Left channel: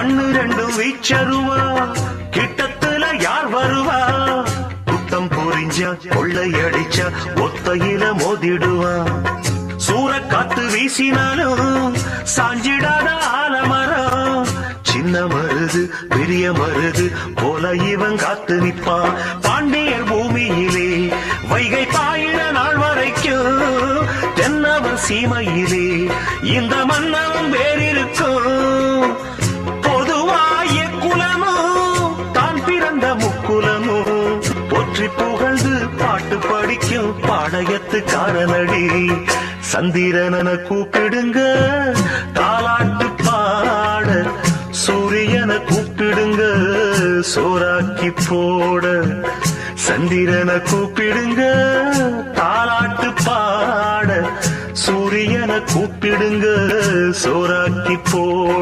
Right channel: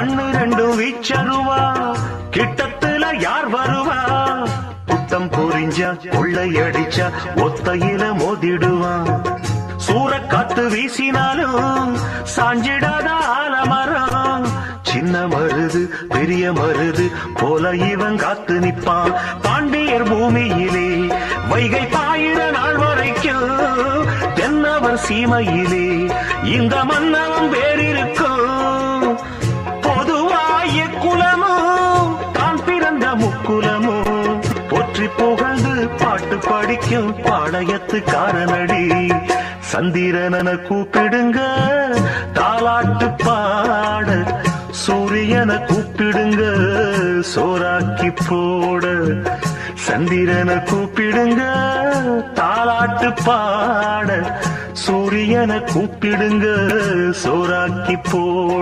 கண்ணு ரெண்டும் வீச்சருவா, கிட்டத்துல யார் வருவா? குட்டம் பொறிஞ்சா கொள்ளையடிச்சா ஒத்தையில மோதிடுவா. சூறக்காத்து வீசினாலும் சாஞ்சிடாத ஆலமரம். சின்ன மருது பெரிய மருது போல இவன் காத்து நிற்பான். பாண்டியர் பூமியிலே வைகை பாயிர நாள் வரைக்கும் தென்னவர் சீமையிலே இந்த மன்னவும் வேறிருக்கும். பொதுவாய குலமும் தான் பிறந்த முக்குலமும் போற்றி புகழ்ந்து பாட்டு படிக்கும் பாளையத்துக்காரனடி. சந்திரன கூப்பிடுங்க தாலாட்டு பாட, சூரியனை கூப்பிடுங்க சோறாக்கி போட. சந்திரனை கூப்பிடுங்க தாலாட்டு பாட, சூரியனை கூப்பிடுங்க சோறாக்கி போட.